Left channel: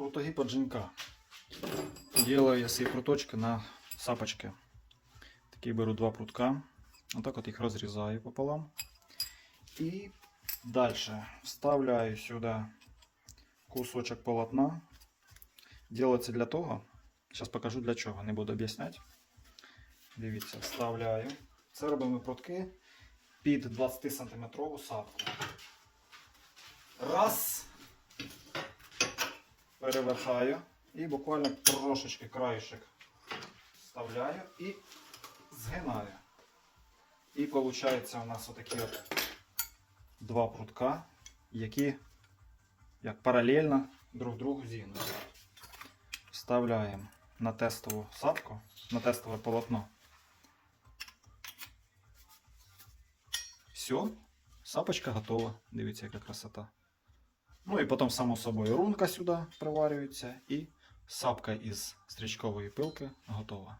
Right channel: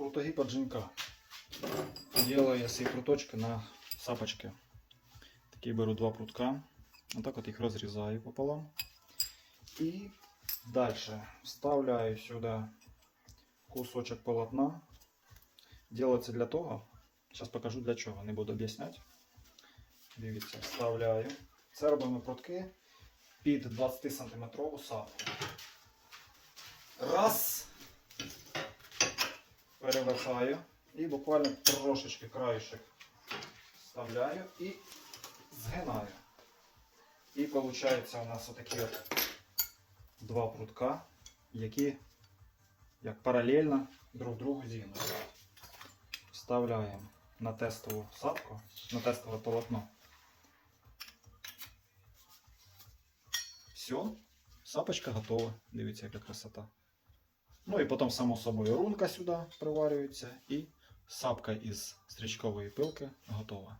Крутоги поджинка. Делаю я свої пруточки на сапочки. Такі беру два прутка. Отак от їх розрізаю пополам. І далі вставляю сюди кусочок полотна. Делается для того, зараз покажу для чого, не буду об'ясняти. Дивіться, вставляю. Це робимо прутки під 20 см сапку. Раз. Переверхаю і буквально трошечки краєшок вставляю і згинаю. І виходить у нас отакі от два прутка, які як паралельно друг другу зігнуті. Вставляємо на тестову сапку, на тестове полотно. Все, сапочка готова. Дивіться, яка красота. Ну і потім, само собою, рунка сюди приварюється і сапка із стрічкової пилки готова.